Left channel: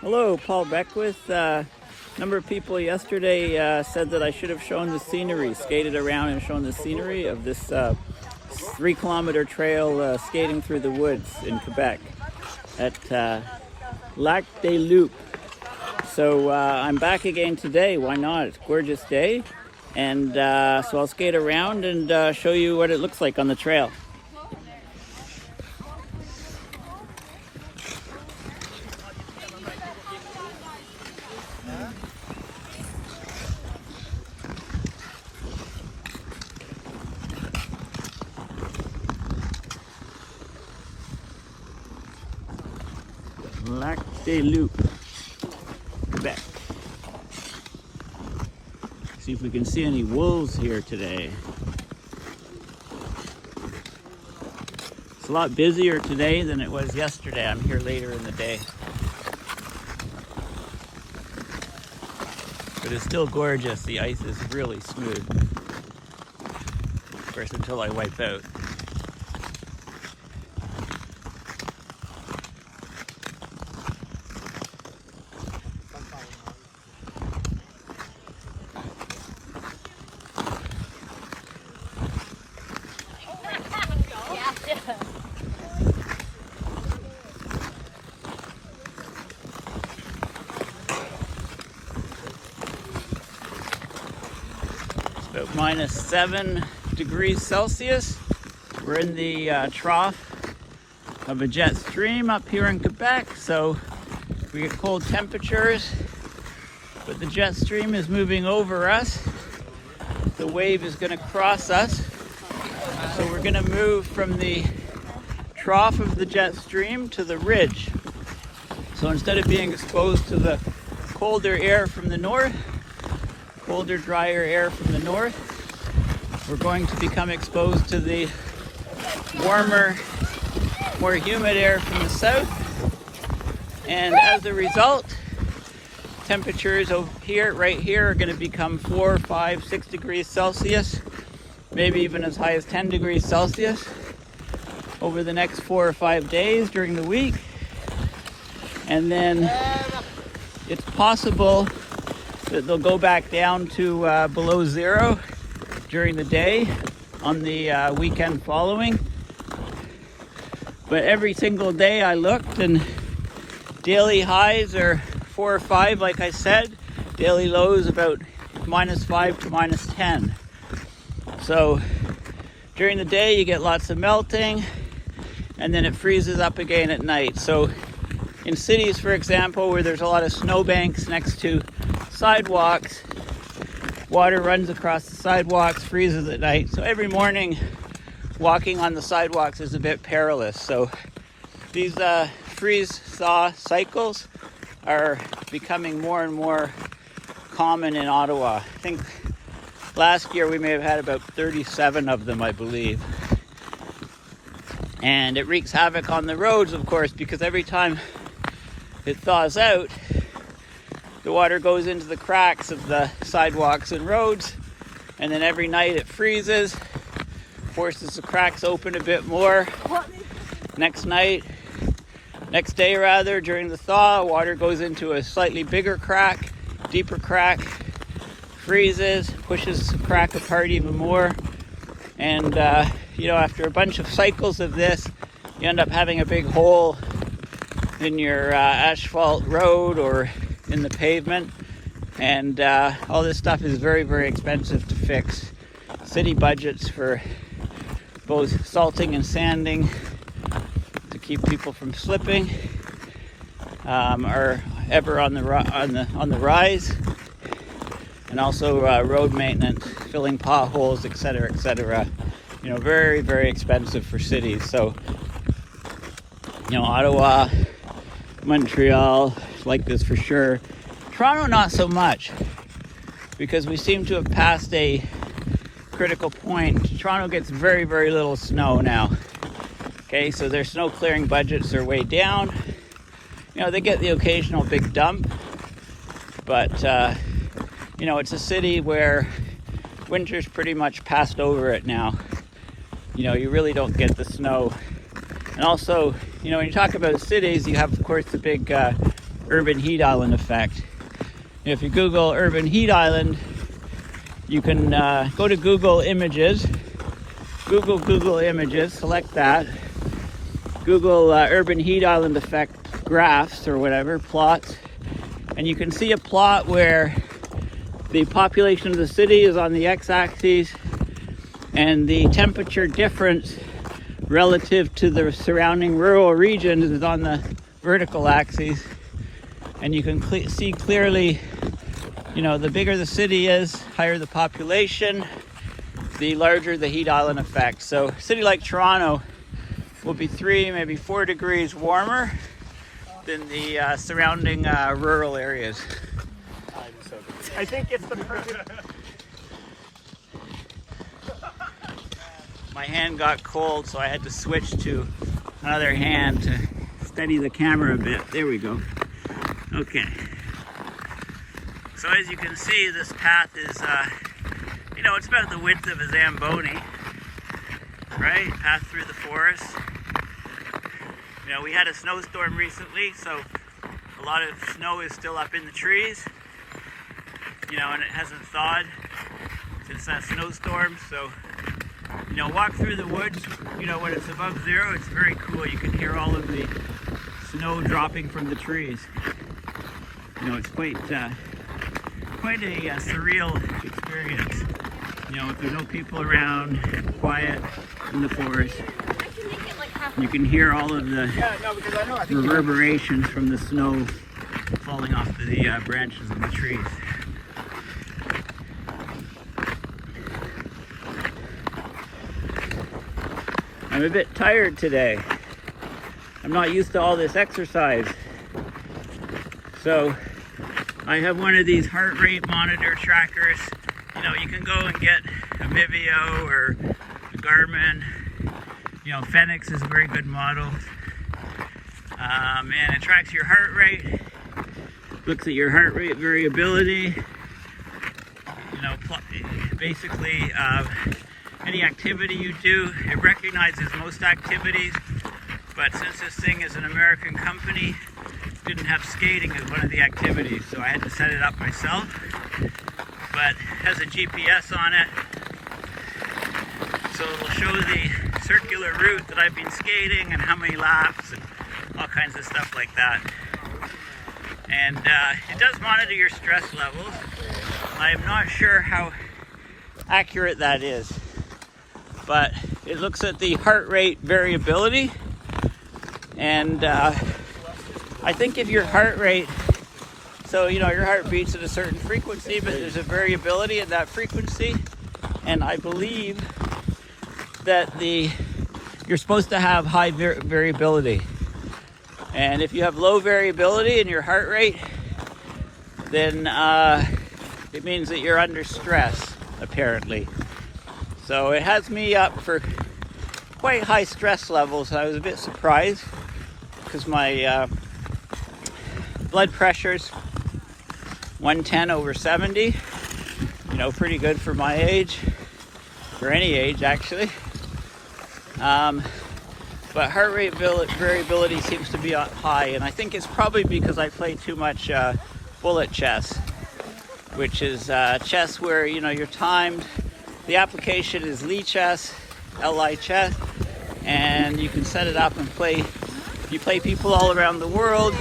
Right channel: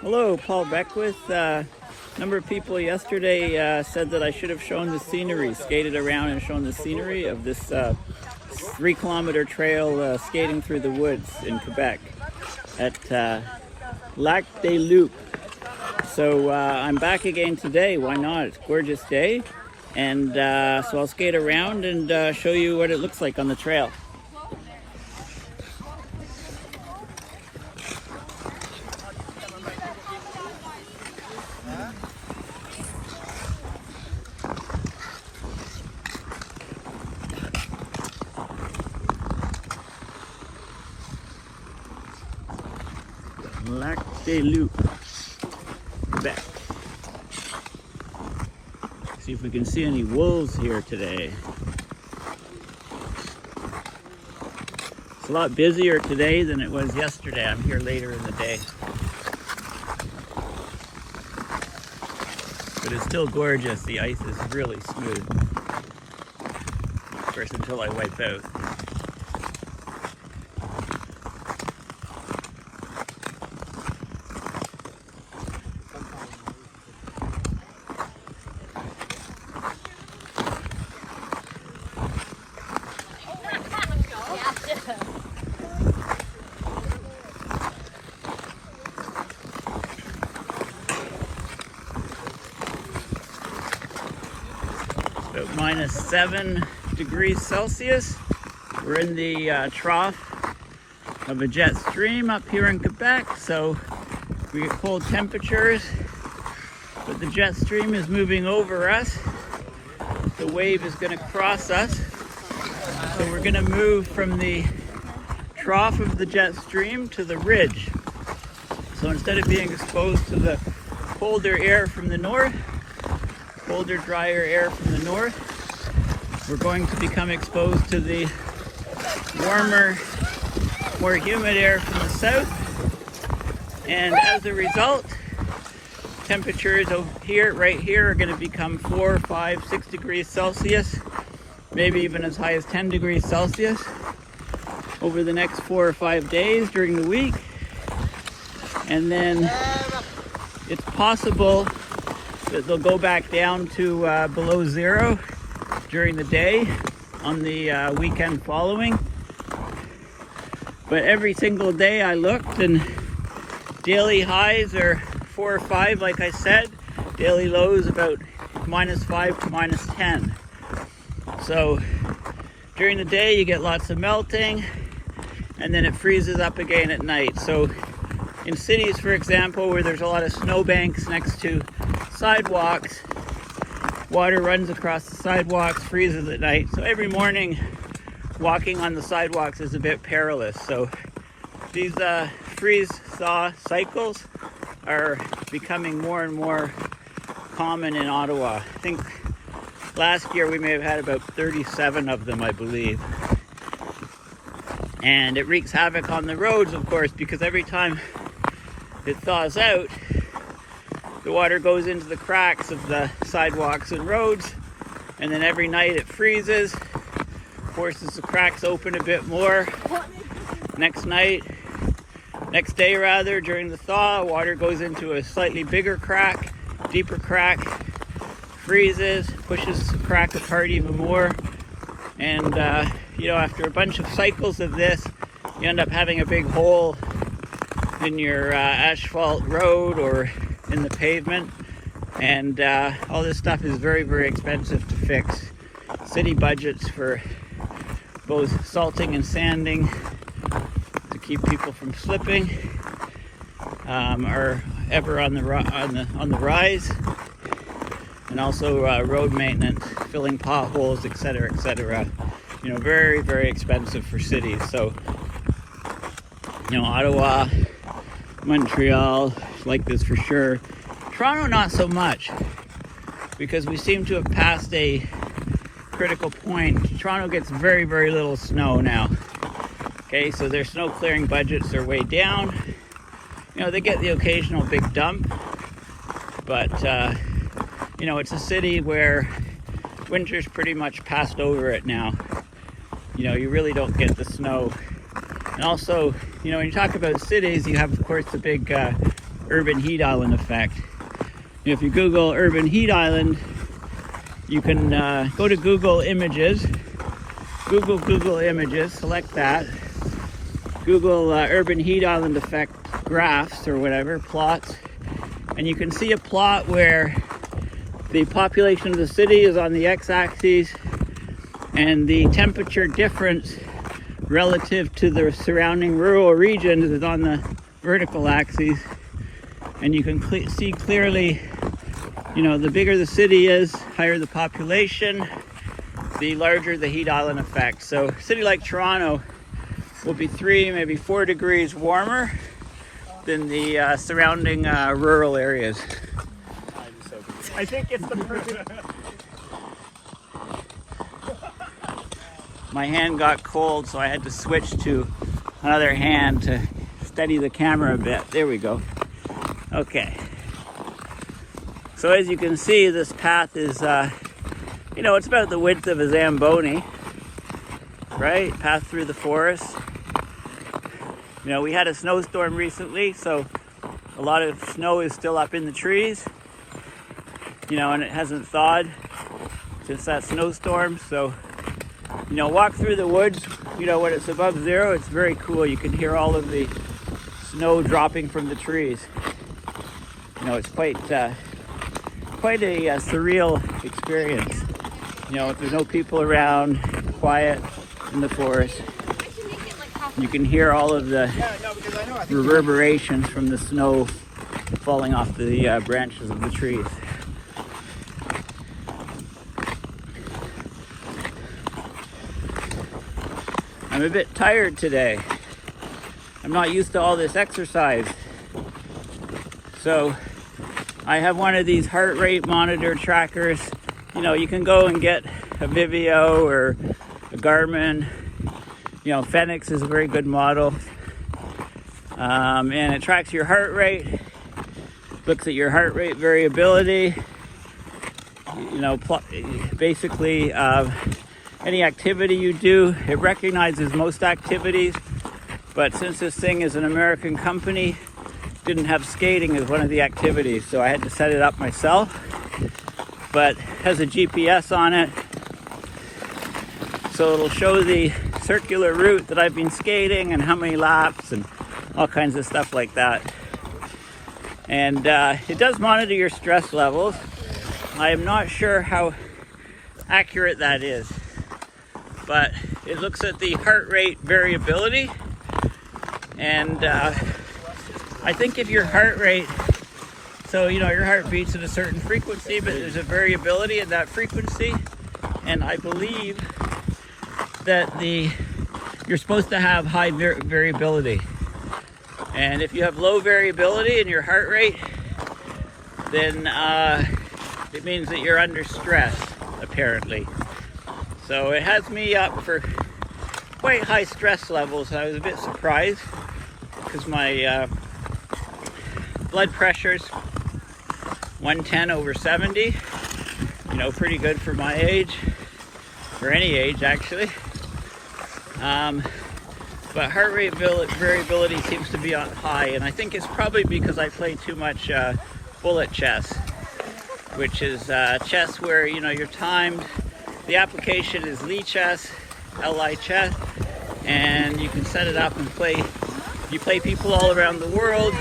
Hello, Paul Beckwith. A number of people yesterday said that I should have shown the scenery, skated around and shown the scenery of this 3-kilometer trail skating through the woods in Quebec at Lac-des-Loups. So I'm back again today. Why not? It's a gorgeous day. And so I'll skate around and show you what it looks like on the trail. Lac-des-Loups, Quebec. See if we can see any wolves here today. It's a lot busier today than it was yesterday. I'm here later in the day. But it's still gorgeous. The ice is really smooth. Of course, until I wipe out. About minus 7 degrees Celsius. We're in the trough of a jet stream up here in Quebec, so we get cold temperatures, but the jet stream is moving over us. The wave is going to cross us, so we're going to move from the trough of the jet stream to the ridge. So instead of being exposed to the colder air from the north, colder, drier air from the north, we're going to become exposed to the warmer, more humid air from the south. And as a result, temperatures over here, right here, are going to become 4, 5, 6 degrees Celsius, maybe even as high as 10 degrees Celsius over the next 4 or 5 days during the week. And then it's possible that they'll go back down to below zero during the day on the weekend following. But every single day I looked, and daily highs are 4 or 5, like I said. Daily lows about minus 5 to minus 10. So during the day you get lots of melting, and then it freezes up again at night. So in cities, for example, where there's a lot of snowbanks next to sidewalks, water runs across the sidewalks, freezes at night. So every morning walking on the sidewalks is a bit perilous. So these freeze-thaw cycles are becoming more and more common in Ottawa. I think last year we may have had about 37 of them, I believe. And it wreaks havoc on the roads, of course, because every time it thaws out, the water goes into the cracks of the sidewalks and roads, and then every night it freezes, forces the cracks open a bit more. Next day rather, during the thaw, water goes into a slightly bigger crack, deeper crack, freezes, pushes the crack apart even more. And after a bunch of cycles of this, you end up having a big hole in your asphalt road or in the pavement, and all this stuff is very, very expensive to fix. City budgets for both salting and sanding to keep people from slipping are ever on the rise, and also road maintenance, filling potholes, etc., etc. Very, very expensive for cities. So Ottawa, Montreal, like this for sure. Toronto, not so much, because we seem to have passed a critical point. Toronto gets very, very little snow now. Okay, so their snow clearing budgets are way down. They get the occasional big dump, but it's a city where winter's pretty much passed over it now. You really don't get the snow. And also, when you talk about cities, you have, of course, the big urban heat island effect. If you Google urban heat island, you can go to Google Images, Google Images, select that, Google urban heat island effect graphs or whatever, plots, and you can see a plot where the population of the city is on the x-axis and the temperature difference relative to the surrounding rural regions is on the vertical axis. And you can see clearly, you know, the bigger the city is, higher the population, the larger the heat island effect. So a city like Toronto will be 3, maybe 4 degrees warmer than the surrounding rural areas. I think it's my hand got cold, so I had to switch to another hand to steady the camera a bit. There we go. Okay. So as you can see, this path is, you know, it's about the width of a Zamboni, right? Path through the forest. You know, we had a snowstorm recently, so a lot of snow is still up in the trees, you know, and it hasn't thawed since that snowstorm. So, you know, walk through the woods, you know, when it's above zero, it's very cool. You can hear all of the snow dropping from the trees. You know, it's quite a surreal experience. You know, if there's no people around, quiet in the forest, you can hear all of the reverberations from the snow falling off the branches of the trees. I'm a bit tired today. I'm not used to all this exercise. So I have one of these heart rate monitor trackers. You know, you can go and get a Vivio or a Garmin. You know, Fenix is a very good model. And it tracks your heart rate, looks at your heart rate variability. You know, basically any activity you do, it recognizes most activities. But since this thing is an American company, didn't have skating as one of the activities, so I had to set it up myself. But it has a GPS on it, so it'll show the circular route that I've been skating and how many laps and all kinds of stuff like that. And it does monitor your stress levels. I am not sure how accurate that is, but it looks at the heart rate variability. And I think if your heart rate, so you know your heart beats at a certain frequency, but there's a variability in that frequency, and I believe that you're supposed to have high variability. And if you have low variability in your heart rate, then it means that you're under stress, apparently. So it has me up for quite high stress levels. I was a bit surprised because my blood pressure's 110/70. You know, pretty good for my age, for any age actually. But heart rate variability seems to be on high, and I think it's probably because I play too much bullet chess, which is chess where, you know, you're timed. The application is Lichess, Li chess, and you can set it up and play. You play people all around the world,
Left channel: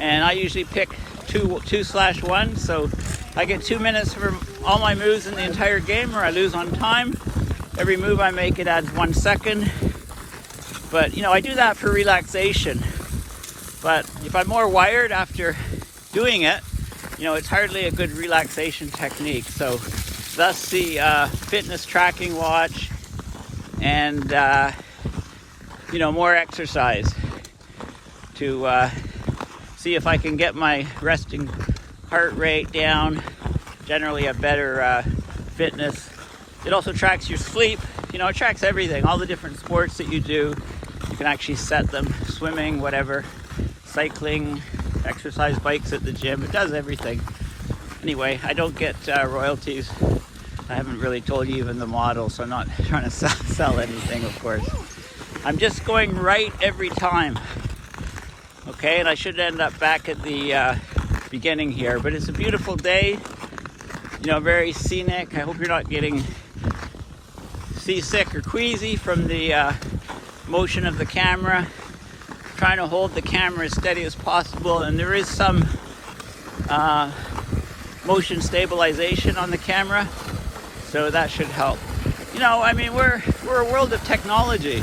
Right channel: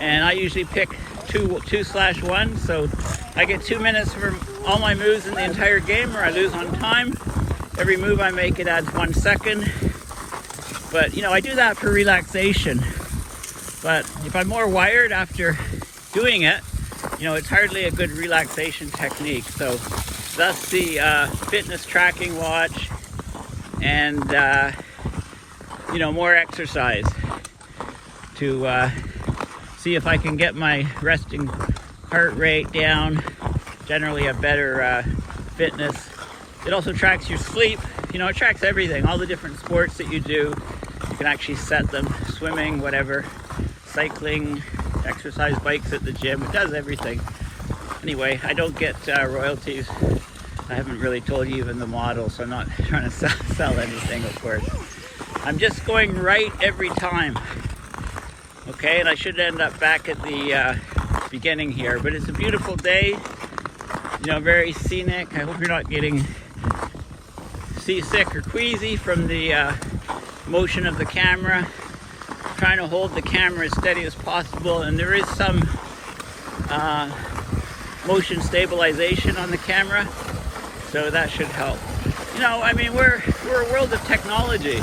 and I usually pick 2/1, so I get 2 minutes for all my moves in the entire game, or I lose on time. Every move I make, it adds 1 second. But you know, I do that for relaxation. But if I'm more wired after doing it, you know, it's hardly a good relaxation technique. So thus the fitness tracking watch and you know, more exercise to see if I can get my resting heart rate down, generally a better fitness. It also tracks your sleep. You know, it tracks everything, all the different sports that you do. You can actually set them, swimming, whatever, cycling, exercise bikes at the gym. It does everything. Anyway, I don't get royalties. I haven't really told you even the model, so I'm not trying to sell anything, of course. I'm just going right every time. Okay, and I should end up back at the beginning here, but it's a beautiful day, you know, very scenic. I hope you're not getting seasick or queasy from the motion of the camera. I'm trying to hold the camera as steady as possible, and there is some motion stabilization on the camera, so that should help. You know, I mean, we're a world of technology,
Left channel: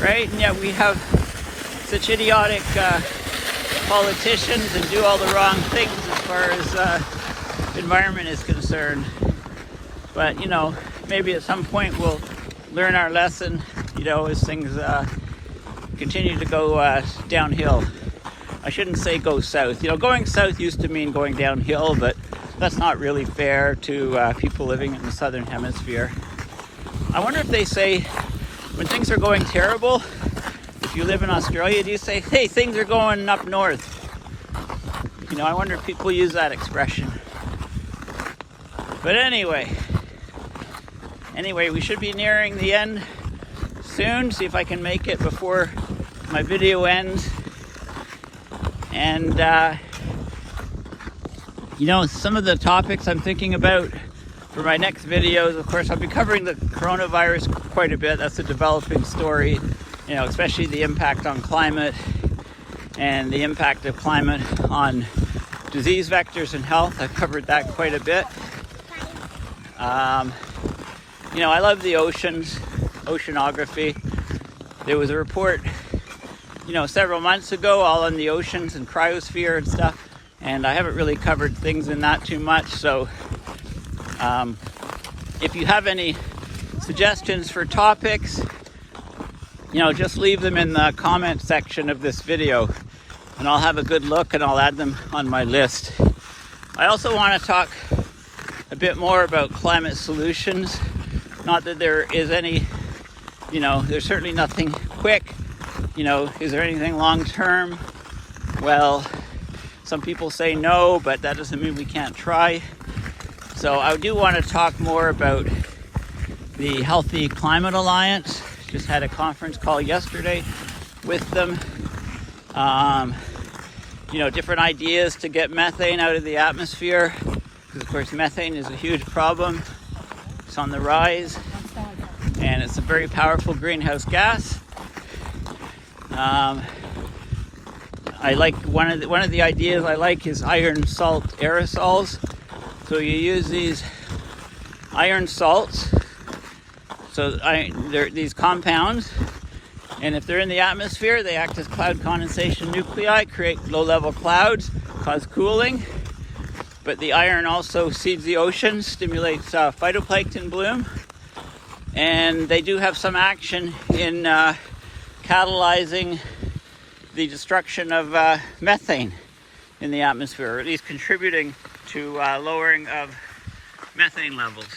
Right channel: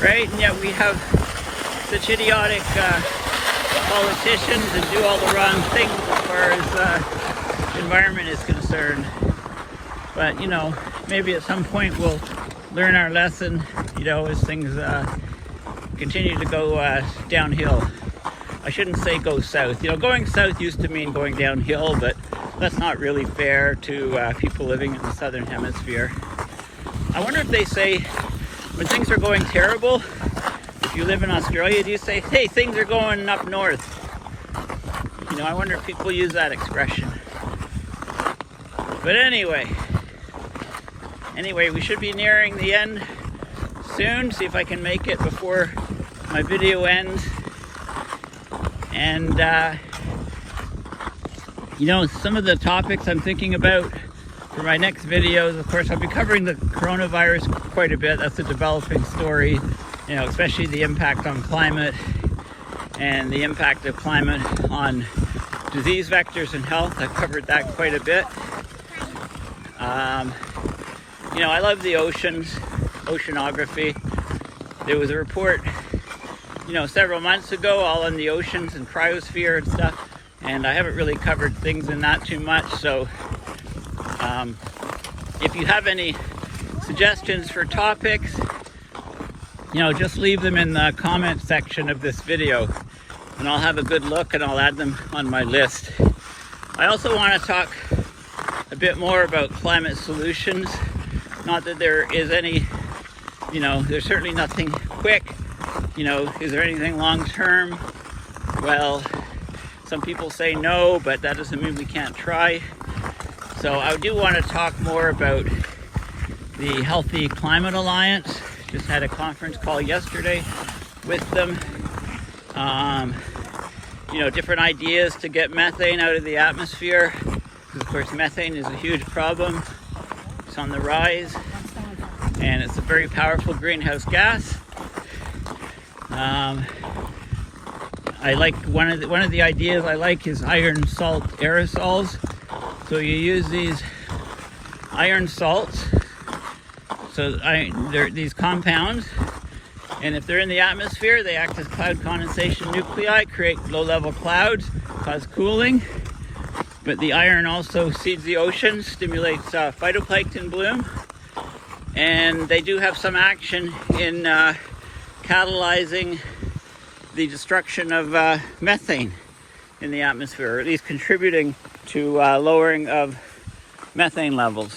right? And yet we have such idiotic politicians and do all the wrong things as far as the environment is concerned. But, you know, maybe at some point we'll learn our lesson, you know, as things continue to go downhill. I shouldn't say go south. You know, going south used to mean going downhill, but that's not really fair to people living in the southern hemisphere. I wonder if they say, when things are going terrible, if you live in Australia, do you say, hey, things are going up north? You know, I wonder if people use that expression. But anyway, we should be nearing the end soon. See if I can make it before my video ends. And, you know, some of the topics I'm thinking about for my next videos, of course, I'll be covering the coronavirus quite a bit. That's a developing story, you know, especially the impact on climate and the impact of climate on disease vectors and health. I've covered that quite a bit. You know, I love the oceans, oceanography. There was a report, you know, several months ago, all on the oceans and cryosphere and stuff, and I haven't really covered things in that too much. So if you have any suggestions for topics, you know, just leave them in the comment section of this video, and I'll have a good look and I'll add them on my list. I also want to talk a bit more about climate solutions. Not that there is any, you know, there's certainly nothing quick. You know, is there anything long-term? Well, some people say no, but that doesn't mean we can't try. So I do want to talk more about the Healthy Climate Alliance. Just had a conference call yesterday with them. You know, different ideas to get methane out of the atmosphere. Of course, methane is a huge problem. It's on the rise, and it's a very powerful greenhouse gas. I like one of the ideas I like is iron salt aerosols. So you use these iron salts. So they're these compounds, and if they're in the atmosphere, they act as cloud condensation nuclei, create low-level clouds, cause cooling. But the iron also seeds the ocean, stimulates phytoplankton bloom, and they do have some action in catalyzing the destruction of methane in the atmosphere, or at least contributing to lowering of methane levels.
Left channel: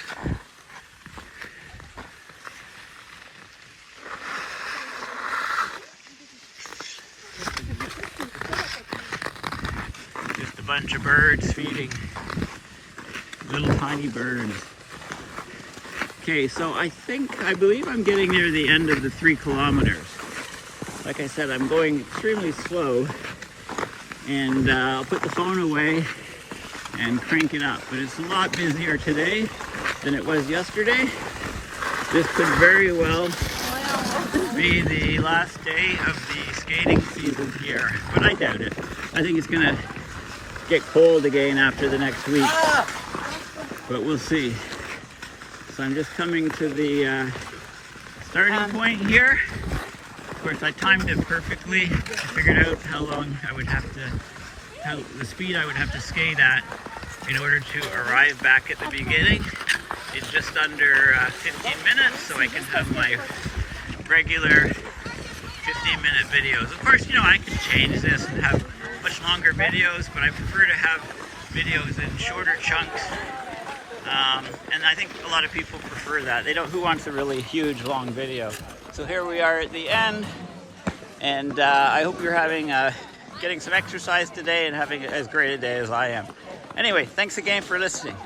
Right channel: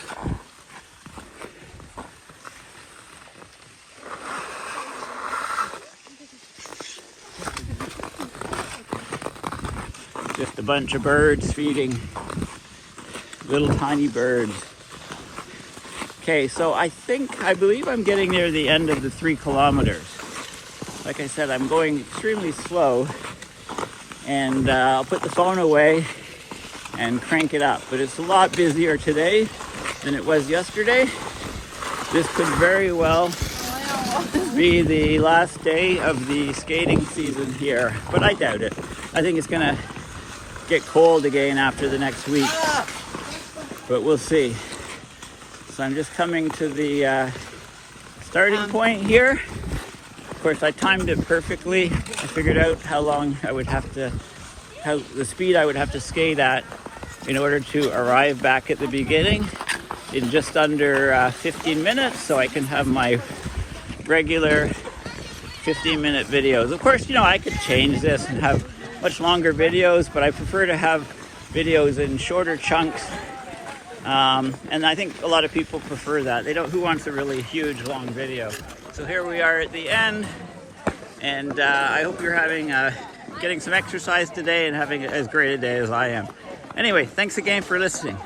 Just a bunch of birds feeding, little tiny birds. Okay, so I believe I'm getting near the end of the 3 kilometers. Like I said, I'm going extremely slow, and I'll put the phone away and crank it up. But it's a lot busier today than it was yesterday. This could very well be the last day of the skating season here, but I doubt it. I think it's gonna get cold again after the next week, but we'll see. So I'm just coming to the starting point here. Of course, I timed it perfectly. I figured out how the speed I would have to skate at in order to arrive back at the beginning in just under 15 minutes, so I can have my regular 15-minute videos. Of course, you know, I could change this and have much longer videos, but I prefer to have videos in shorter chunks. And I think a lot of people prefer that. Who wants a really huge, long video? So here we are at the end, and I hope you're getting some exercise today and having as great a day as I am. Anyway, thanks again for listening.